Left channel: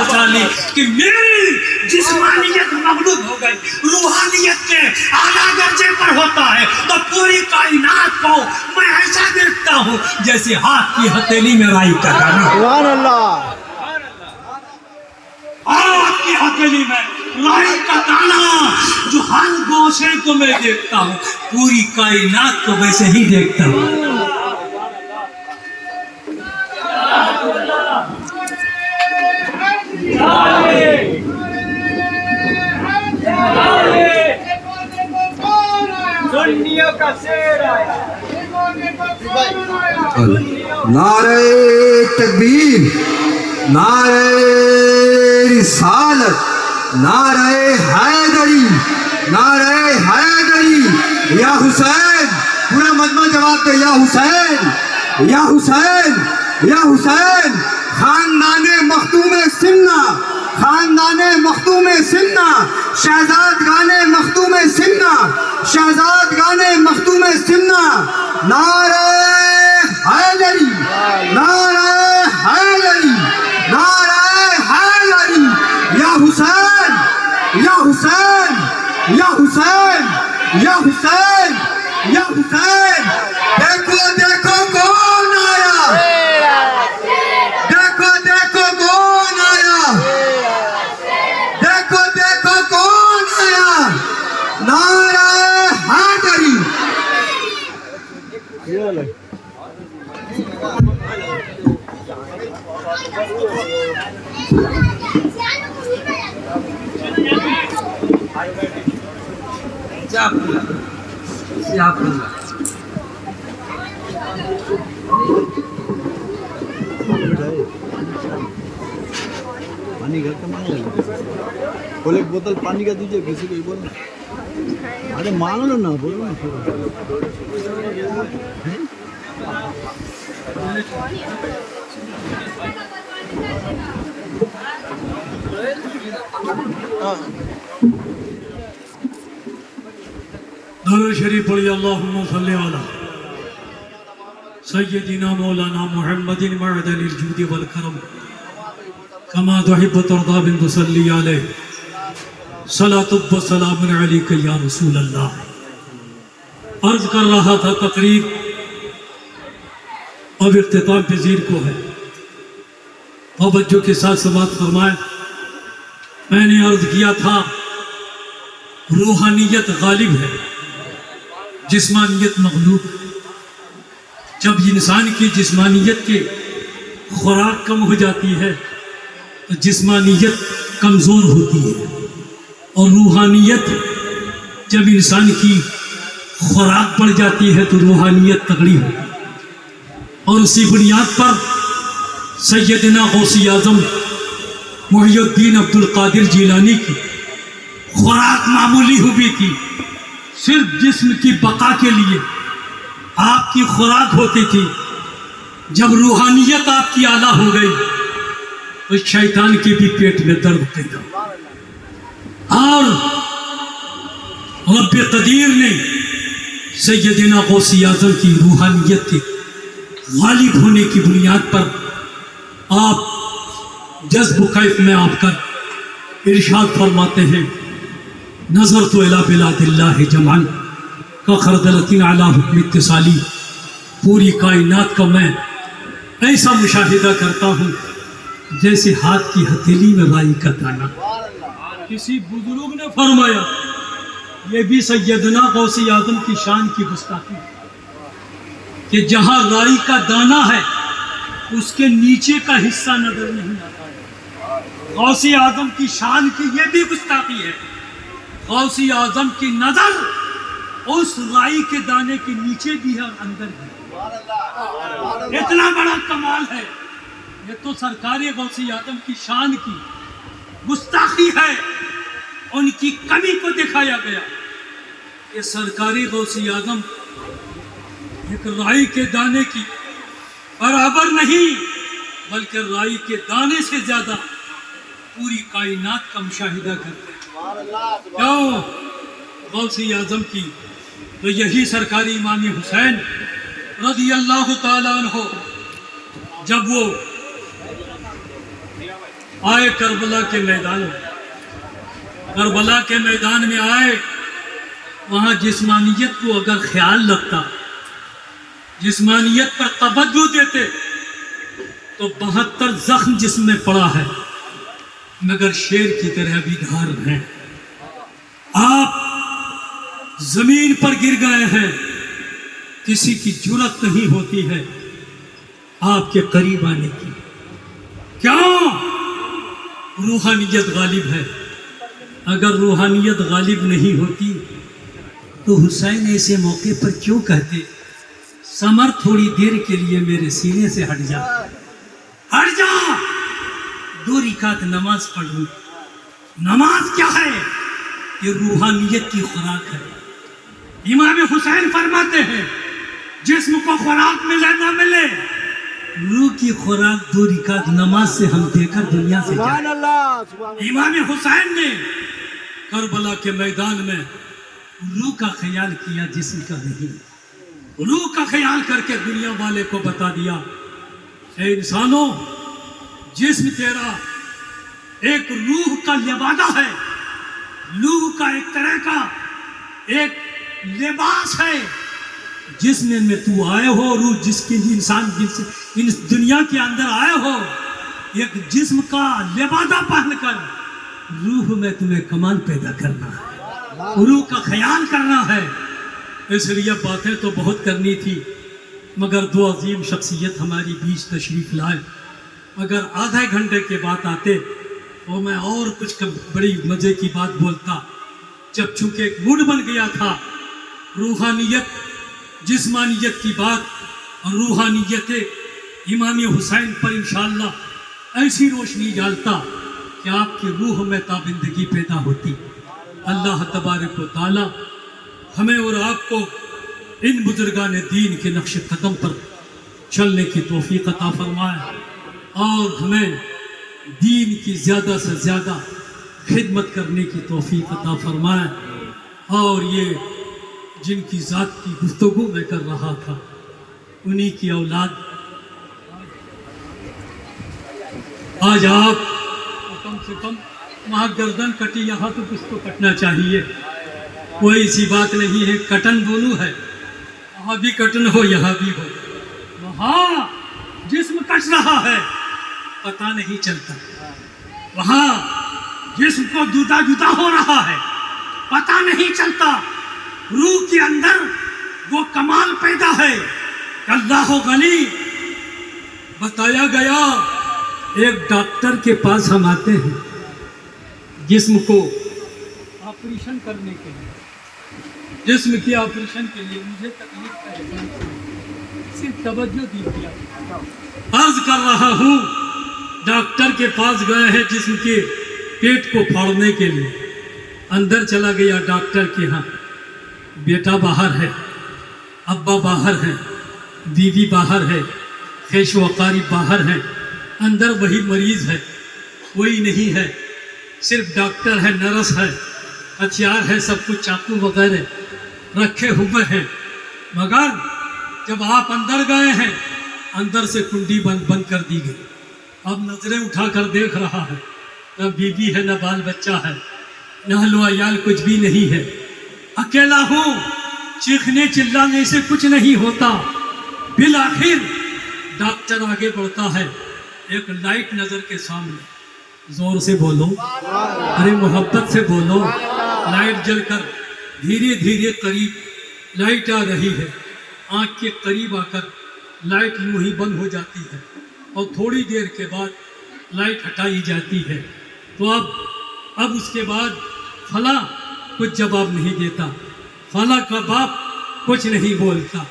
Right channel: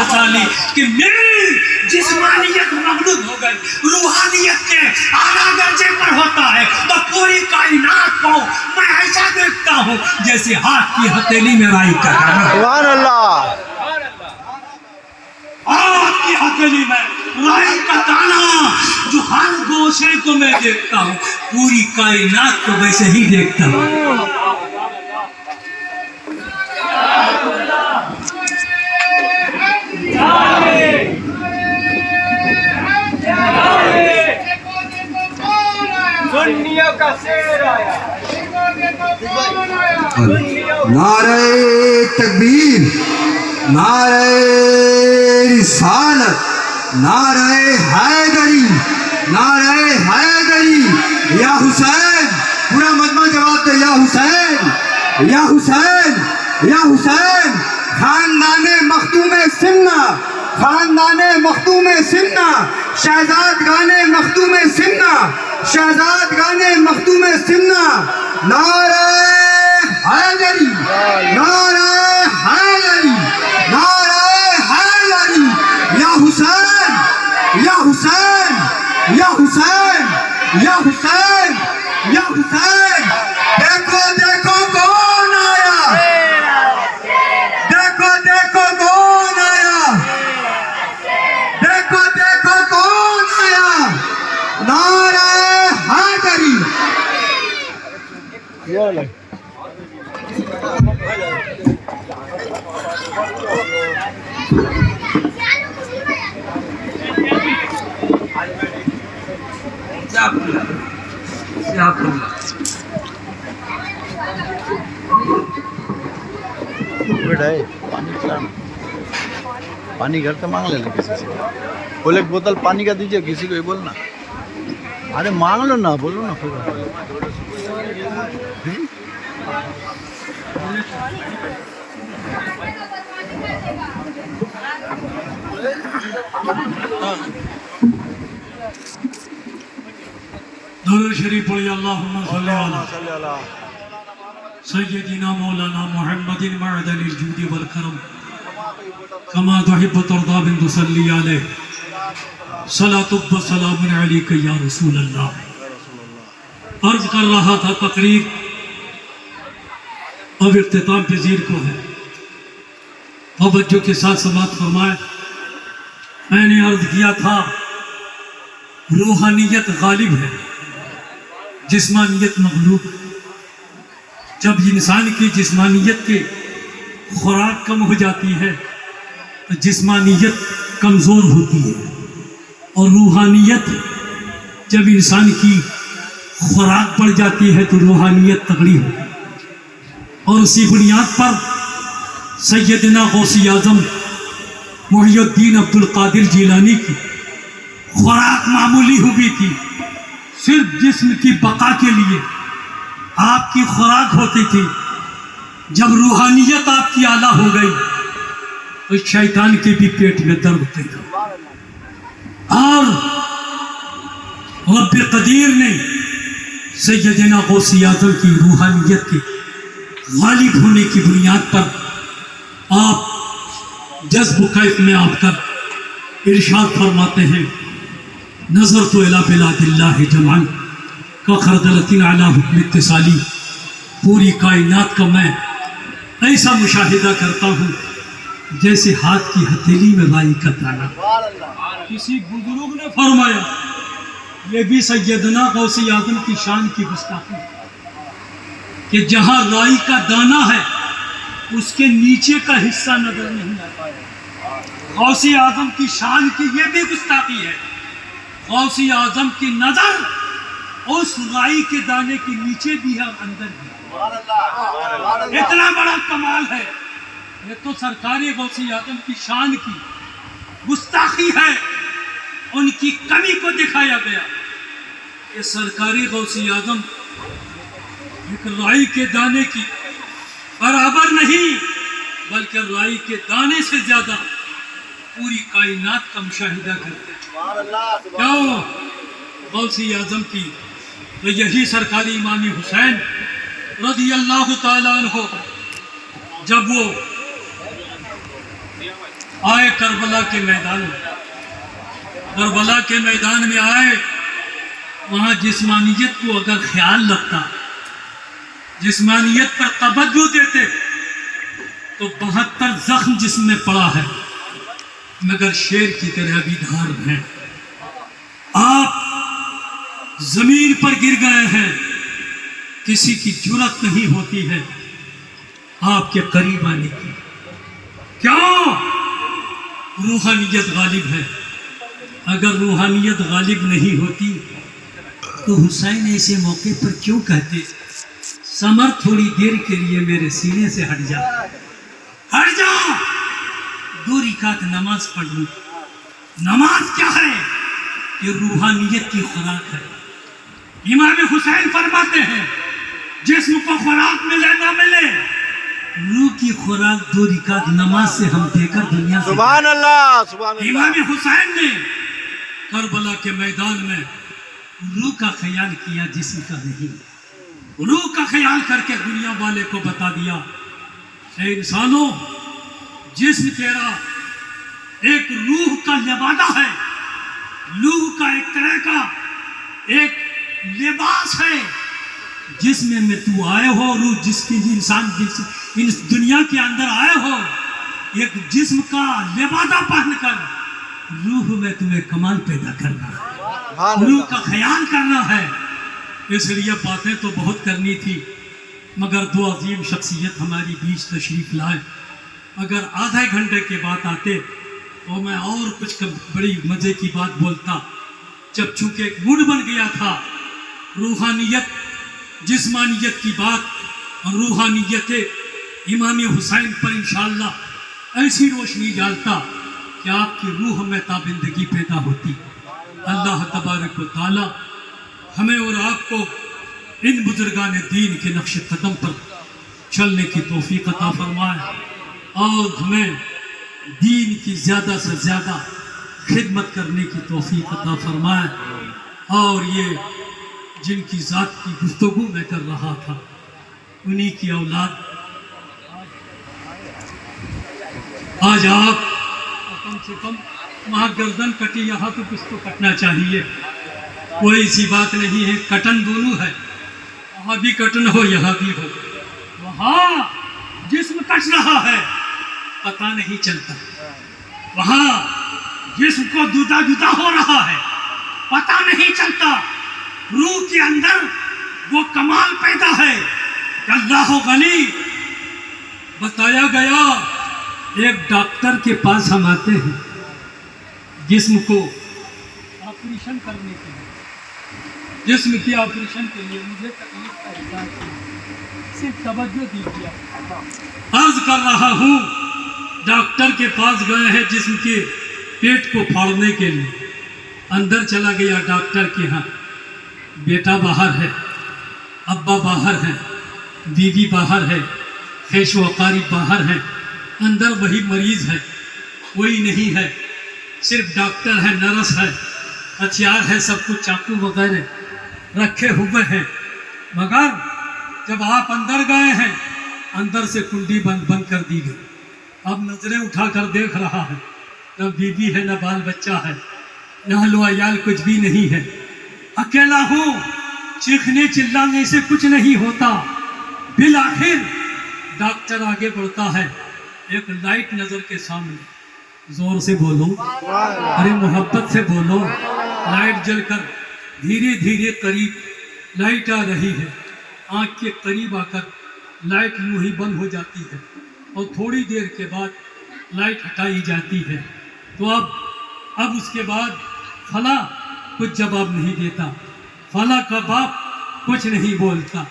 بچا لی کہ میری جسمانیت مغلوب ہو گئی، روحانیت کے اعلیٰ درجے پر ہوتا ہے تو پوری کائنات کو میں ایسا دیکھتا ہوں جیسے ہاتھ کی ہتھیلی میں رائی کا دانہ۔ سبحان اللہ۔ ہاتھ کی ہتھیلی میں رائی کا دانہ جو ہر گوشے کو میں دیکھتا ہوں، پوری کائنات کو ویسے ہی دیکھتا ہوں۔ نعرہ تکبیر، نعرہ رسالت، نعرہ حیدری، نعرہ حیدری، یا حسین، پورا مجمع جواب دے، یا حسین، یا حسین، یا حسین، خاندان مخدوم سمنا، خاندان مخدوم سمنا، شہزادگان مخدوم سمنا، شہزادگان مخدوم سمنا، نعرہ حیدری، نعرہ حیدری، نعرہ حیدری، یا حسین، یا حسین، یا حسین، یا حسین، یا حسین، دیکھو دیکھو کون آیا، دیکھو دیکھو کون آیا، دیکھو دیکھو کون آیا، نعرہ حیدری۔ پانی گھر سے مانگ لینا کسی سے، بولے ایک بوتل پانی کا دیجیے، کسی کو ہی بولنا، ارے مانگ لو نا، بولو نا پھر۔ درود شریف پڑھی، اللہم صلی علی سیدنا مولانا محمد معدن الجود والکرم کما تحب ترضى بن تصلی علیہ صلاۃ و سلام علیک یا رسول اللہ۔ عرض کر رہا تھا تقریر اب اختتام پذیر کو ہے، توجہ کے ساتھ سماعت فرمائیں۔ میں نے عرض کیا تھا روحانیت غالب ہے، جسمانیت مغلوب۔ جب انسان کی جسمانیت کی خوراک کم ہو جاتی ہے تو جسمانیت کمزور ہوتی ہے، اور روحانیت جب انسان کی خوراک بڑھ جاتی ہے تو روحانیت تگڑی ہوتی ہے۔ اور اسی بنیاد پر سیدنا غوث اعظم محی الدین عبد القادر جیلانی کی خوراک معمولی ہوئی تھی، صرف جسم کی بقا کے لیے آپ کی خوراک ہوتی تھی۔ جب روحانیت آپ کی اعلیٰ ہو گئی تو شیطان کے بھی پیٹ میں درد پیدا، اور رب قدیر نے سیدنا غوث اعظم کی روحانیت کے غالب ہونے کی بنیاد پر آپ جذب کیف میں آپ کا ارشاد فرماتے ہیں، نظر تو الی بلاد اللہ جمعاً کخردلۃ علی حکم اتصالی۔ پوری کائنات کا میں ایسا مشاہدہ کرتا ہوں جیسے ہاتھ کی ہتھیلی میں رائی کا دانہ۔ کسی بزرگ نے فرمایا یہ بھی سیدنا غوث اعظم کی شان کی گستاخی ہے کہ جہاں رائی کا دانہ ہے اس کے نیچے کا حصہ نظر نہیں آتا ہے۔ غوث اعظم کی شان کی یہ بھی گستاخی ہے، غوث اعظم کی نظر اس رائی کے دانے کے نیچے بھی ہے اور اندر بھی ہے۔ اتنا بڑا کمال ہے، یہ تو سرکار غوث اعظم کی شان کی گستاخی ہے، ان کی کمی کو دکھایا گیا کہ سرکار غوث اعظم ایک رائی کے دانے کی برابر نہیں بلکہ رائی کے دانے سے زیادہ پوری کائنات کا مشاہدہ کرتے ہیں۔ کیوں؟ غوث اعظم کی یہی سرکار امام حسین رضی اللہ تعالیٰ عنہ جب وہ آئے کربلا کے میدان میں، کربلا کے میدان میں آئے، وہاں جسمانیت کو اگر خیال رکھتا، جسمانیت پر توجہ دیتے تو 72 زخم جسم میں پڑا ہے مگر شیر کی طرح بھی دھار ہیں۔ آپ زمین پر گر گئے ہیں، کسی کی جرأت نہیں ہوتی ہے آپ کے قریب آنے کی۔ کیوں؟ روحانیت غالب ہے۔ اگر روحانیت غالب نہیں ہوتی تو حسین ایسے موقع پر کیوں کہتے سمر تھوڑی دیر کے لیے میرے سینے سے ہٹ جا، ہٹ جا، 2 رکعت نماز پڑھ لوں۔ نماز کیا ہے؟ یہ روحانیت کی خوراک ہے۔ امام حسین فرماتے ہیں جسم کو خوراک ملے نہ ملے، روح کی خوراک 2 رکعت نماز سے ہم دے کر دنیا سے۔ سبحان اللہ، سبحان اللہ۔ امام حسین نے کربلا کے میدان میں روح کا خیال کیا، جسم کا نہیں۔ روح کا خیال کر کے دنیا والے کو بتا دیا، اے انسانوں، جسم تیرا ایک روح کا لبادہ ہے، روح کا ایک طرح کا ایک لباس ہے جس میں تو آئے ہو۔ روح جس کی انسان اس دنیا کے اندر آئے ہو، ایک جسم کا لبادہ پہن کر روح میں تمہیں کمال پیدا کرنا ہے، روح کا خیال کرنا ہے۔ اس لیے باتیں تو بہت کرنی تھی مگر 2 عظیم شخصیت ہماری بیچ تشریف لائے۔ اگر آدھے گھنٹے کے بعد آتے تو میں اور کچھ بڑی مزے کی بات بولتا۔ جب چونکہ ایک موڈ بن گیا تھا، روحانیت جسمانیت کی بات اور روحانیت امام حسین پر انشاءاللہ ایسی روشنی ڈالتا کہ آپ کی روح میں تابندگی پیدا ہوتی۔ اللہ تبارک و تعالی ہمیں اور آپ کو ان بزرگان دین کے نقش قدم پر چلنے کی توفیق عطا فرمائے اور ہمیں دین کی زیادہ سے زیادہ خدمت کرنے کی توفیق عطا فرمائے۔ اور یہ جن کی ذات کی گفتگو میں کر رہا تھا، انہی کی اولاد آج آپ کم سے کم وہاں گردن کٹی، یہاں تو کچھ تو کٹنا چاہیے، کوئی سی بات نہیں ہے، کٹن دونوں ہے، وہاں بھی کٹن ہو یہاں بھی ہو، وہاں جسم کٹ رہا ہے پتہ نہیں چلتا، وہاں جسم کو جدا جدا ہو رہا ہے پتہ نہیں چلتا، روح کے اندر وہ کمال پیدا ہے کہ اللہ غنی۔ بتایا گیا ایک ڈاکٹر کے پاس ہم آتے ہیں جسم کو آپریشن کرنے کے لیے، جسم کی آپریشن کے لیے مجھے تکلیف کا احساس ہے، صرف توجہ دیجیے۔ عرض کر رہا ہوں ڈاکٹر کے پاس گئے ہیں جسم کے پیٹ کو پھاڑنے کے لیے، اندر چلا گیا ڈاکٹر کے ہاں، بیٹا باہر ہے، ابا باہر ہے، بیوی باہر ہے، خیش و اقارب باہر ہیں، اندر وہی مریض ہے، کوئی نہیں ہے، صرف ڈاکٹر ہے، نرس ہے، ہتھیار ہے، سب کچھ چاقو وغیرہ رکھے ہوئے ہیں، مگر جب آپ اندر گئے ہیں اندر سے کنڈی بند کر دی گئی۔ اب نظریں اٹھا کر دیکھ رہا ہے، نہ بیوی ہے، نہ بال بچہ ہے، نہ اہل و عیال، کچھ بھی نہیں ہے، اکیلا ہوں، چیخنے چلانے سے کچھ نہیں ہوتا۔ بالآخر ڈاکٹر آگے بڑھتا ہے، ایک لائٹ نظر کے سامنے، زور سے بولو، ارے محبت سے بولو، لائٹ جل کر دھیرے دھیرے قریب لائٹ آ رہی ہے، آنکھ کے قریب آ کر لائٹ یوں ہی بند ہو جاتی ہے اور تھوڑی دیر کے بعد لائٹ ہٹائی جاتی ہے۔ تو اب اس کے بعد فلاں کچھ جواب نہیں دیتا، فلاں کا باپ کچھ نہیں بولتا،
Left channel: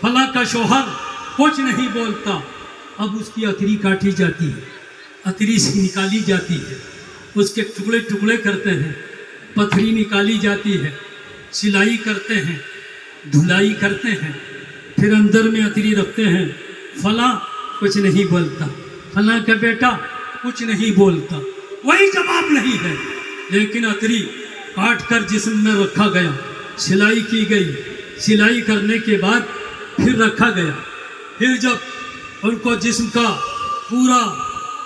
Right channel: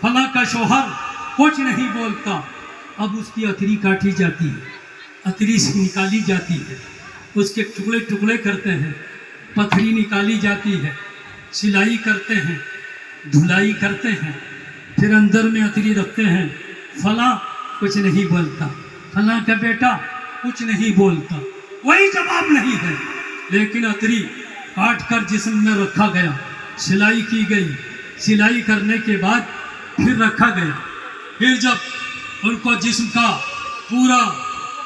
فلاں کا شوہر کچھ نہیں بولتا۔ اب اس کی اتری کاٹی جاتی ہے، اتری سے نکالی جاتی ہے، اس کے ٹکڑے ٹکڑے کرتے ہیں، پتھری نکالی جاتی ہے، سلائی کرتے ہیں، دھلائی کرتے ہیں، پھر اندر میں اتری رکھتے ہیں۔ فلاں کچھ نہیں بولتا، فلاں کا بیٹا کچھ نہیں بولتا، کوئی جواب نہیں ہے، لیکن اتری کاٹ کر جسم میں رکھا گیا، سلائی کی گئی، سلائی کرنے کے بعد پھر رکھا گیا۔ پھر جب ان کو جسم کا پورا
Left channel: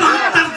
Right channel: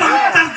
72